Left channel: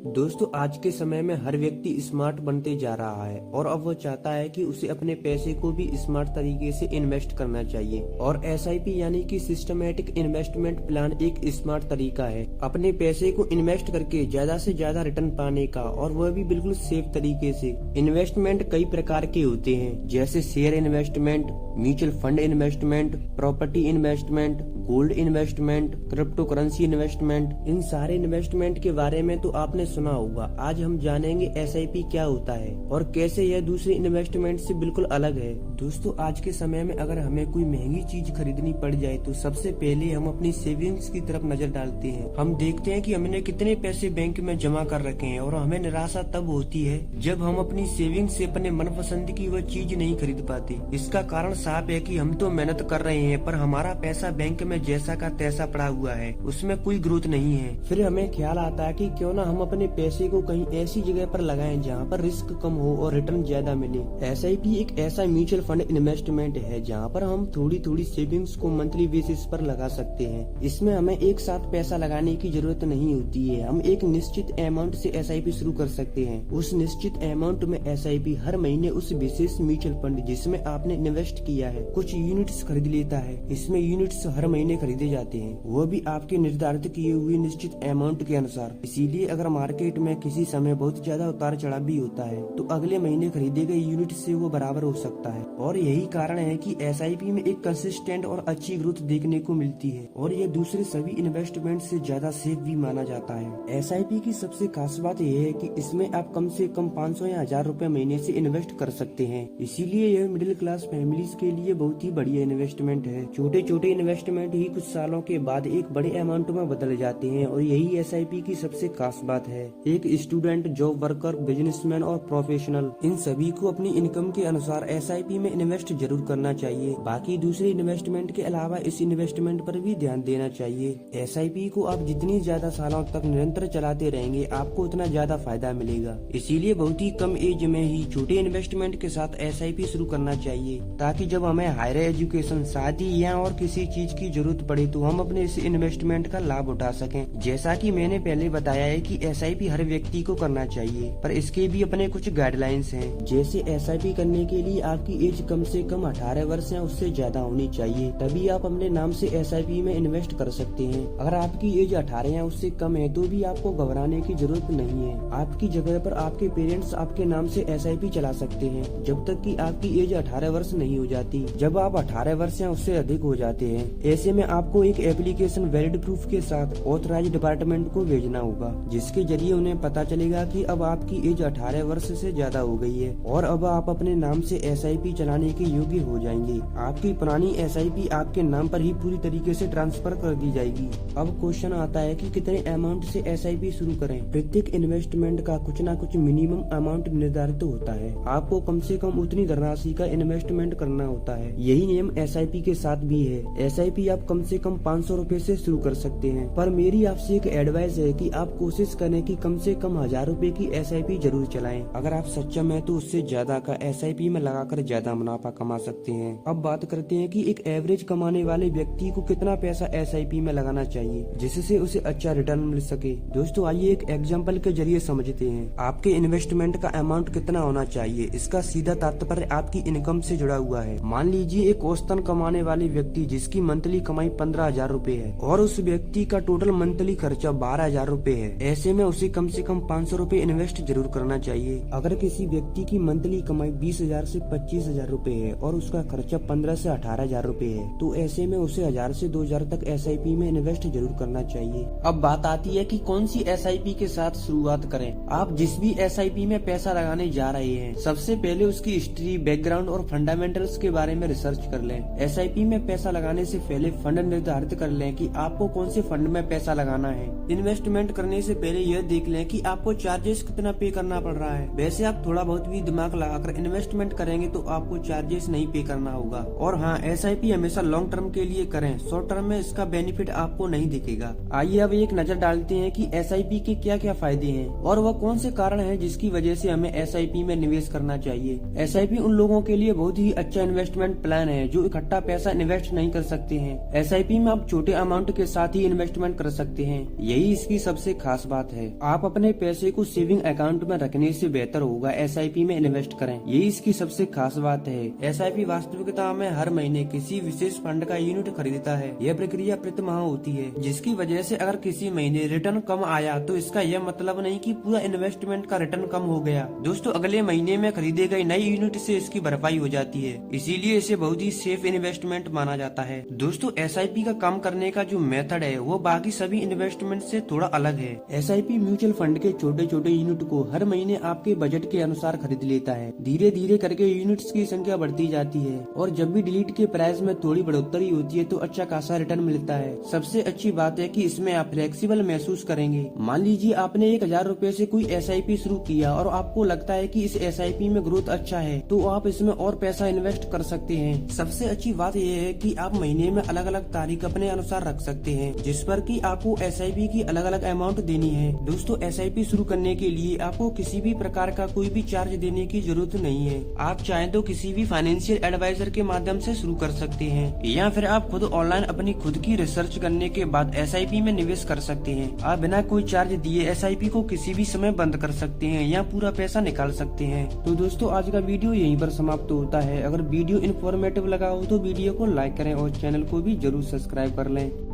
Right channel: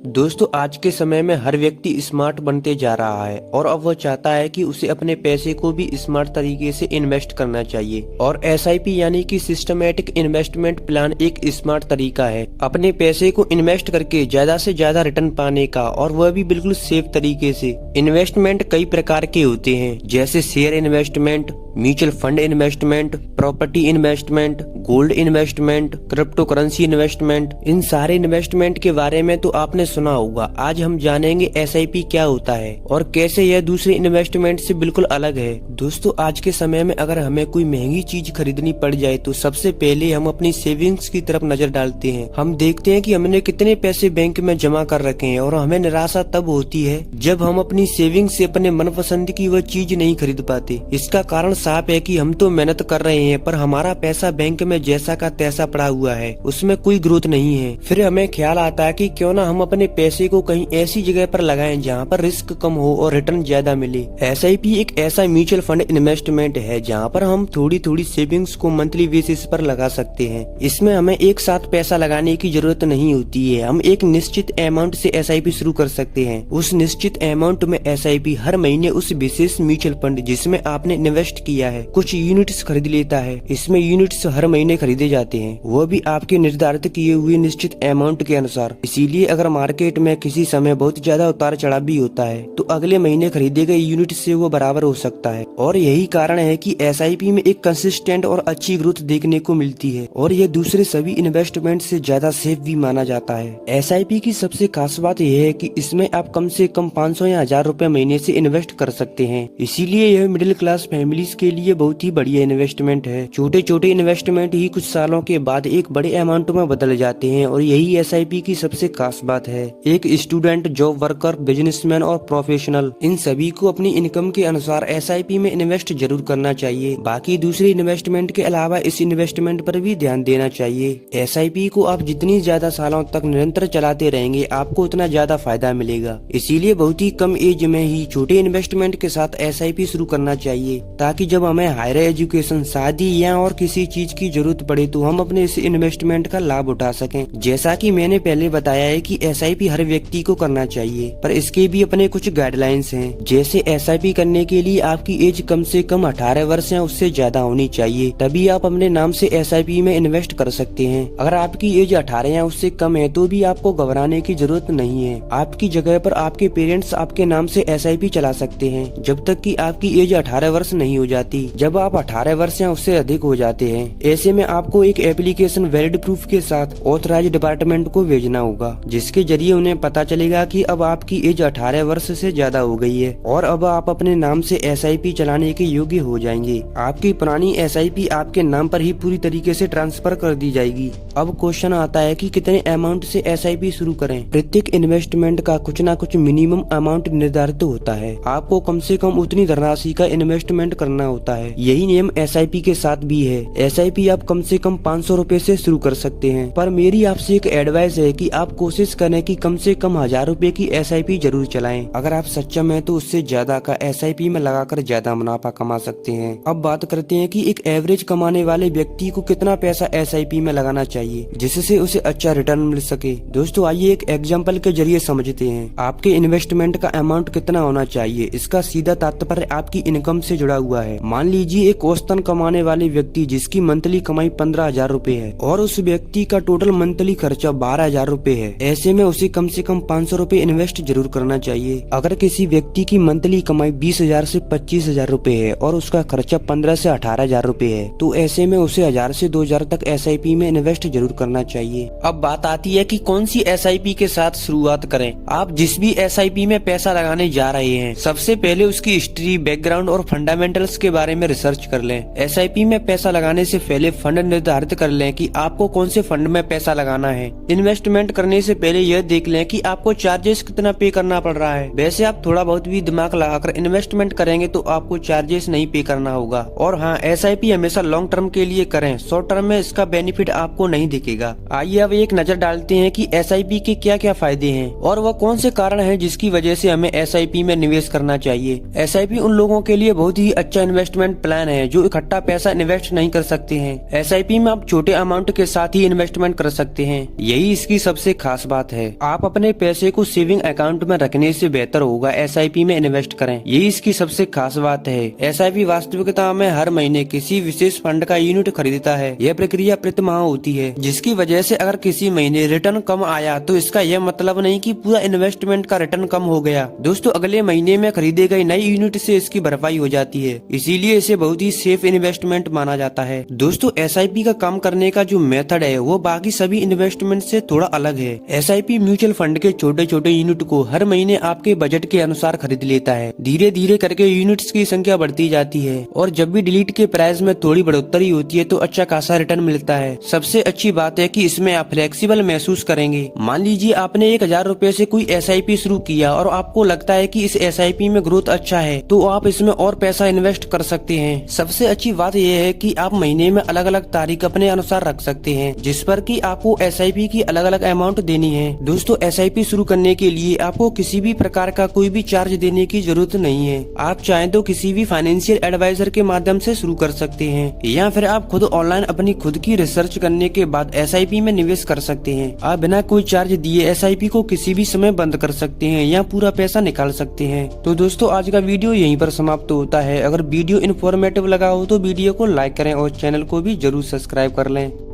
दोस्तों, आज के समय में हर व्यक्ति स्मार्ट बनते जा रहा है और अब वह चाहता है कि उसे अपने पैसे को भी स्मार्ट तरीके से इन्वेस्ट करना चाहिए। और एसआईपी यानी कि सिस्टमेटिक इन्वेस्टमेंट प्लान एक स्मार्ट तरीका है अपने पैसे को इन्वेस्ट करके ज्यादा से ज्यादा रिटर्न पाने का, और वह भी बिल्कुल सेफ तरीके से। इन्वेस्टमेंट कई प्रकार के होते हैं, जैसे share investment, mutual fund investment, property investment, gold investment, crypto currency investment. इन सारे इन्वेस्टमेंट के बारे में तो आपने सुना होगा। आज हम जानेंगे एसआईपी क्या होता है और कैसे यह दूसरे इन्वेस्टमेंट से बिल्कुल अलग है। दोस्तों, आज के समय में अगर हमें कोई महंगी चीज खरीदनी पड़ जाए तो सबसे पहले हम अपनी सेविंग्स की तरफ नजर डालते हैं। हम देखते हैं कि हमने कितने पैसे बैंक में जमा कर रखे हैं, और हमें निराशा तब होती है जब हम अपनी सेविंग्स से अपने मनपसंद की वह चीज नहीं खरीद पाते। इसका कारण साफ है कि हम तो मेहनत कर रहे हैं, पर हमारा पैसा बैंक में जैसा का तैसा पड़ा हुआ है, उसमें कोई ग्रोथ नहीं है। फिर हमें ख्याल आता है कि क्यों ना हम अपने पैसे को कहीं ऐसी जगह पर लगाएं जहां पर रिस्क कम हो और रिटर्न ज्यादा मिले। एसआईपी एक ऐसा म्यूचुअल फंड इन्वेस्टमेंट है जहां पर हम थोड़ी थोड़ी सेविंग्स को मंथली बेसिस पर लगा सकते हैं। इसमें हमें एक साथ पैसा लगाने की जरूरत नहीं होती है। हम एक निश्चित अमाउंट से एसआईपी शुरू कर सकते हैं। उस निश्चित अमाउंट में एसआईपी हर महीने उस विशेष म्यूचुअल फंड जिसमें आपने इन्वेस्ट किया है कुछ यूनिट्स खरीद लेता है। इसमें यूनिट्स हर महीने खरीदे जाते हैं, वो भी आपके निर्धारित किए हुए निश्चित अमाउंट के अनुसार। इसीलिए अगर मार्केट में किसी समय बहुत ज्यादा उतार चढ़ाव भी होता है तो अगले महीने खरीदे गए यूनिट से वो बराबर हो सकता है। और यही कारण है कि एसआईपी में एक कंसिस्टेंट और अच्छी ग्रोथ देखने को मिलती है, और ये दूसरे सभी इन्वेस्टमेंट से ज्यादा सेफ भी माना जाता है। एसआईपी की सबसे खास बात यह है कि इसमें आप कम से कम 500 या 1000 रुपए महीने से इन्वेस्ट कर सकते हैं। इसीलिए यह मिडिल क्लास फैमिलीज के लिए बहुत ही बढ़िया इन्वेस्टमेंट है। छोटे छोटे इन्वेस्टमेंट ही कुछ सालों के बाद एक बड़े अमाउंट में बदल जाते हैं, और यही एसआईपी की सबसे खास बात है। एक स्टूडेंट, जॉब वर्कर, बिजनेसमैन और प्रोफेशनल, इन सभी को अपनी इनकम के अनुसार एसआईपी में इन्वेस्ट जरूर करना चाहिए। बाकी दूसरे इन्वेस्टमेंट के अलावा इस इन्वेस्टमेंट पर भी ध्यान देना चाहिए। एसआईपी को आप जितनी ज्यादा सालों तक निरंतर चलाते रहेंगे आपको उतना ज्यादा फायदा मिलेगा। इसीलिए बहुत ही कम एज में ही छोटे इन्वेस्टमेंट के साथ एसआईपी शुरू करना चाहिए, ताकि जब हमें हायर एजुकेशन, शादी या और किसी चीज की जरूरत पड़े तो हम अपने इस इन्वेस्टमेंट का लाभ उठा सकें। जैसा कि मैंने पहले बताया है कि एसआईपी हर व्यक्ति को करना चाहिए, पर इसके भी अपने कुछ गाइडलाइंस हैं। जैसे एसआईपी करने के लिए आपकी एज कम से कम 18 वर्ष या उससे ज्यादा होनी चाहिए, तभी आप अपने नाम से एसआईपी में इन्वेस्ट कर सकते हैं। अगर आपकी एज 18 या उससे कम है तो भी आपको घबराने की जरूरत नहीं है। आपकी जगह पर आपके पेरेंट्स आपके नाम से एसआईपी चला सकते हैं जब तक कि आपकी एज 18 वर्ष नहीं हो जाती। जब आप 18 वर्ष या उससे अधिक हो जाते हैं, ऐसे में आपको एक एप्लीकेशन वैलिड प्रूफ के साथ ऑथराइज्ड डिपार्टमेंट को भेजना होगा, जिसके जरिए उन्हें पता चलेगा कि अब आपकी एज 18 वर्ष से ज्यादा हो गई है और अब आप अपने नाम से एसआईपी चलाने के योग्य हो जाएंगे। आपकी पुरानी एसआईपी आपके नाम पर ही पूरी तरीके से ट्रांसफर कर दी जाएगी। अब क्वेश्चन आता है कि कितने अमाउंट से एसआईपी शुरू करें। प्रत्येक इन्वेस्टमेंट का कुछ न कुछ मिनिमम अमाउंट निर्धारित होता है। आपको कम से कम उतनी धनराशि का इन्वेस्टमेंट करना होता है। यही नियम एसआईपी के साथ भी है। एसआईपी आप कम से कम 500 रुपए से शुरू कर सकते हैं, पर मेरी आपसे एक एडवाइस है कि आप कोशिश करें कि कम से कम 1000 रुपए की एसआईपी जरूर चलाएं। अगर आप सक्षम हैं तो उससे ज्यादा का एसआईपी में लगाकर ज्यादा मुनाफा कमा सकते हैं। अब बात करते हैं कि एक एवरेज कमाने वाले व्यक्ति को कितना पैसा एसआईपी में लगाना चाहिए जिससे उसे अच्छा रिटर्न मिल सके। दोस्तों, आइए एक एग्जाम्पल के जरिए समझते हैं। आपके इन्वेस्टमेंट का अमाउंट कितना होना चाहिए, इसका सीधा तात्पर्य आपकी इनकम से जुड़ा हुआ है। मान लीजिए एक औसतन कमाने वाले व्यक्ति जिसकी मंथली कमाई 15,000 रुपए है और उस व्यक्ति का टोटल मंथली खर्चा 12,000 रुपए है। ऐसे में उसे कम से कम 500 रुपए इन्वेस्ट जरूर करना चाहिए। अगर किसी व्यक्ति की मंथली कमाई 20,000 से 25,000 रुपए है और उसका खर्चा 15 से 18,000 रुपए है, तो ऐसे में उसे 1000 से 2000 तक एसआईपी में इन्वेस्ट जरूर करना चाहिए। अब बात आती है कि कौन सी एसआईपी के साथ शुरुआत करें। आप जिस भी एसआईपी में पैसा लगाने जा रहे हैं, सबसे पहले उसकी हिस्ट्री, बैकग्राउंड और फंडामेंटल्स के बारे में रिसर्च कर लें। एसआईपी में पैसा लगाने से पहले फंड निर्धारित कर लें कि आपको कौन से फंड में पैसा लगाना है। इन्वेस्टमेंट करने से पहले यह देख लें कि आपको चार्जेस कितना पे करना पड़ रहा है। वैसे आप थोड़ा बहुत भी दिमाग लगाकर इन्वेस्टमेंट करेंगे तो आपको चार्जेस नहीं पे करना होगा। और हाँ, एसआईपी हमेशा लॉन्ग टर्म के लिए करें, शॉर्ट टर्म में इसका बेनिफिट आपको नहीं दिखेगा। आइए अब एक नजर डालते हैं कि एसआईपी के क्या क्या फायदे हैं और वह कौन से कारण हैं जिसकी वजह से हमें एसआईपी में निवेश करना चाहिए। एसआईपी उन लोगों के लिए बहुत ही अच्छा इन्वेस्टमेंट प्लान है जो इकट्ठा पैसा इन्वेस्ट नहीं कर सकते हैं। एसआईपी में आप छोटे अमाउंट के साथ ही इन्वेस्टमेंट कर सकते हैं, यही इसकी सबसे खास बात है। आप अपने पैसे को सेविंग अकाउंट में रखने से बेहतर होगा SIP में इन्वेस्ट करें। यही इसकी सबसे खास बात है। SIP वास्तविकता में हर महीने किसी विशेष फंड का यूनिट खरीदता है। यह प्रक्रिया प्रति माह होती है, जिसकी वजह से अगर किसी महीने रिटर्न कम आया तो इसका यह मतलब नहीं कि पूरा इन्वेस्टमेंट का रिटर्न कम हो गया। दोस्तों, अगले महीने में खरीदे गए नई यूनिट से इसकी भरपाई हो जाती है, इसीलिए इसे बहुत ही सेफ इन्वेस्टमेंट माना जाता है। दोस्तों, SIP का काम करने का जो मेथड है वो बाकी सभी इन्वेस्टमेंट से थोड़ा अलग है। SIP म्यूचुअल फंड के छोटे छोटे यूनिट को हर महीने आपके बजट के अनुसार खरीद लेता है। धीरे धीरे करके यूनिट्स की संख्या बढ़ती जाती है और जब भी डिलीट के प्राइस में थोड़ी बढ़ोतरी होती है तो अच्छा खासा रिटर्न मिलता है। सबसे अच्छी बात है कि इसमें आप फ्लेक्सिबल महसूस करेंगे। मान लीजिए आपने 1000 रुपए से कोई SIP शुरू किया और आपको लगता है कि इस SIP में ग्रोथ अच्छा है तो आप इसमें और पैसा इन्वेस्ट कर सकते हैं। सबसे अच्छी बात यह है कि आप महीने में अलग अलग तारीख अपने अनुसार रख सकते हैं, जिस पर कि आपको SIP की अलग अलग अमाउंट देनी है। दोस्तों, SIP शुरू करने के लिए आपको किसी भी प्रकार का कोई भी चार्ज देने की जरूरत नहीं है। आप चाहें तो किसी भी फाइनेंशियल एडवाइजर के माध्यम से शुरू कर सकते हैं या फिर आप खुद ऑनलाइन अपनी खुद की रिसर्च करने के बाद SIP में निवेश कर सकते हैं। आप बिना कोई चार्ज दिए SIP को किसी भी समय बंद कर सकते हैं या पूरा पैसा निकाल सकते हैं। तो दोस्तों, आज का वीडियो यहीं पर समाप्त होता है। अगर वीडियो इन्फॉर्मेटिव लगा हो तो वीडियो को लाइक करें और चैनल को भी जरूर सब्सक्राइब कर लें।